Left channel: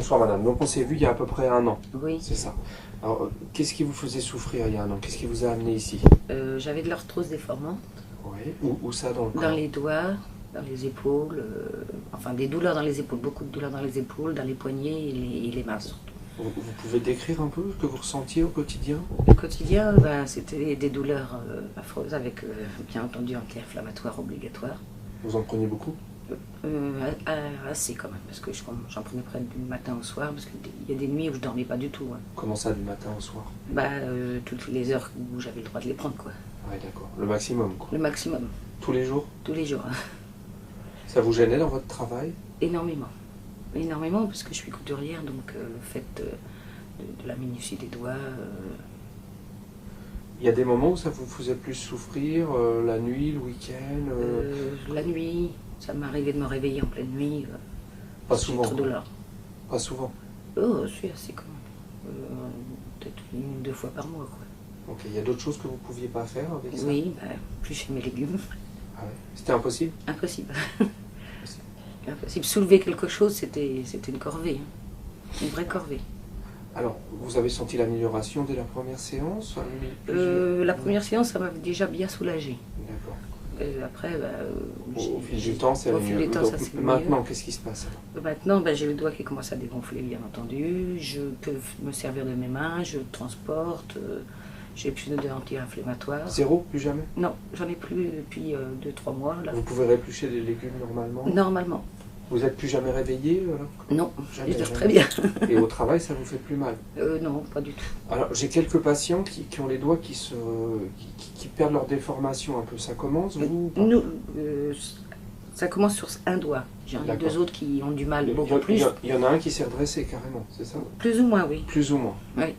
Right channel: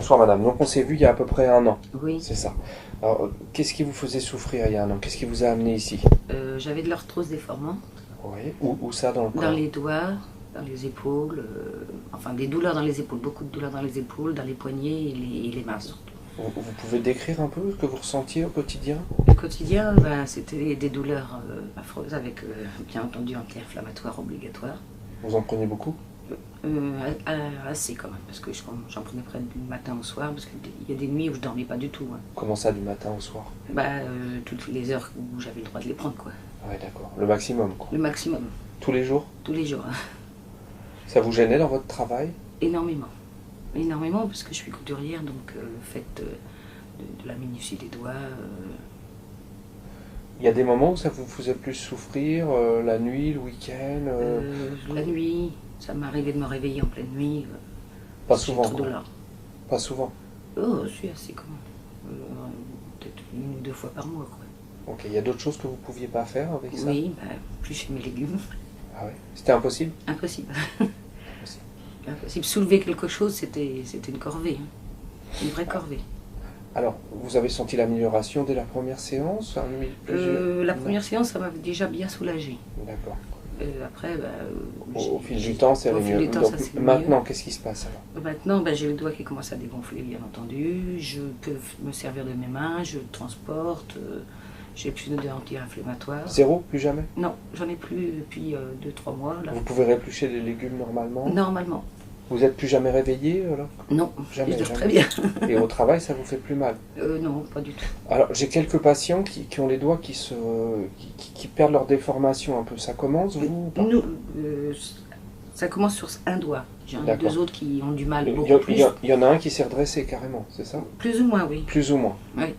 Bonsoir madame, donc on s'est vu il y a à peu près un an, Oui, c'est ça. Alors, qu'est-ce qui vous faisait souffrir il y a un an? Qu'est-ce qui vous a amené ici? j'avais de l'arthrose déformante Oui, où ça dans le dans corps? les doigts, dans les épaules, enfin des douleurs dans les épaules, beaucoup de douleurs dans les épaules, dans les poignets et les mains surtout. Vous pouvez décrire un peu ce que vous ressentiez au quotidien? Le quotidien, ben, c'était des douleurs affreuses avec bien entendu anti-inflammatoire obligatoire. Vous en prenez beaucoup? Assez quand même, parce que j'en prenais près du matin au soir, parce qu'il y a des nuits où je dormais pas du tout, hein. Comment ça, du matin au soir? Bah, toutes les heures où j'avais le droit de les prendre, quoi. Oui, d'accord. Le maximum, quoi. Le maximum, Tous les jours? tous les jours, hein. Ça vous gênait dans votre travail? Énormément. Énormément, parce que je suis couturière, donc le fait de la minutie des doigts. Il y a des moments où ça vous faisait plus souffrir, la nuit, le week-end? La nuit, ça m'arrivait de me réveiller en pleine nuit. Pas J'ai souvent, trop de quoi. douleur. Pas souvent. Oh, je suis assez quand même. Peut-être 1 ou 2 fois par mois, quoi. Ok, il y a d'autres choses que vous pouviez pas faire avec ça? Oui, bah, plus chez mes légumes. Ah ouais. C'était impossible? Impossible. Impossible. Impossible. Soulever quelque chose, c'était une corvée, hein. Une vraie corvée. Alors, vous avez senti l'amélioration dès la première séance? Plusieurs- La première séance, ça m'avait déjà bien soulagée. D'accord. Après, bah, Au fil du temps, c'est au allé fil mieux. du temps, Donc, ça s'est mieux. maintenant, qu'est-ce qui se passe alors? Maintenant, ben, j'ai le doigt qui commence à dégonfler, bien entendu. Je peux me servir de mes mains, je transporte. J'ai plus de anti-inflammatoires. Zéro? Plus jamais? Non, j'en ai plus depuis 2-3 mois. Là. Vous pouvez réplucher les légumes normalement? Normalement. Vous êtes plus jamais réveillé alors? Non, Jamais, je dors jamais. très bien. Et au travail, ça vous fait plus mal? Non, pas du tout. Alors, j'ai quelques patients qui ont les doigts qui perdent leur déformation un peu. Ça commence, vous? ou pas? Nous, ça commence sur un doigt. J'en ai D'accord. 2 autres qui ont du mal, Il y, beaucoup en- plus. il y en a un qui s'est redressé carrément, c'est ça? Plus ou moins, oui. Plus ou moins. Oui.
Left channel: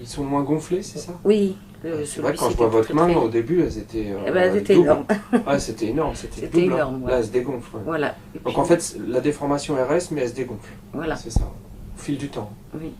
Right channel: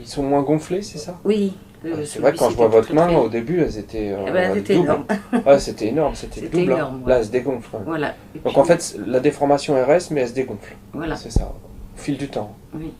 Ils sont moins gonflés, c'est ça? Oui. C'est vrai que quand je vois votre main, au début, elles étaient. Eh ben, elles étaient doubles. énormes. Ouais, c'était énorme, c'était C'était double. énorme, Là, ouais. elles se dégonflent. Ouais. Voilà. Et Donc puis, en fait, la déformation elle reste, mais elle se dégonfle. voilà. C'est ça, au fil du temps. Oui.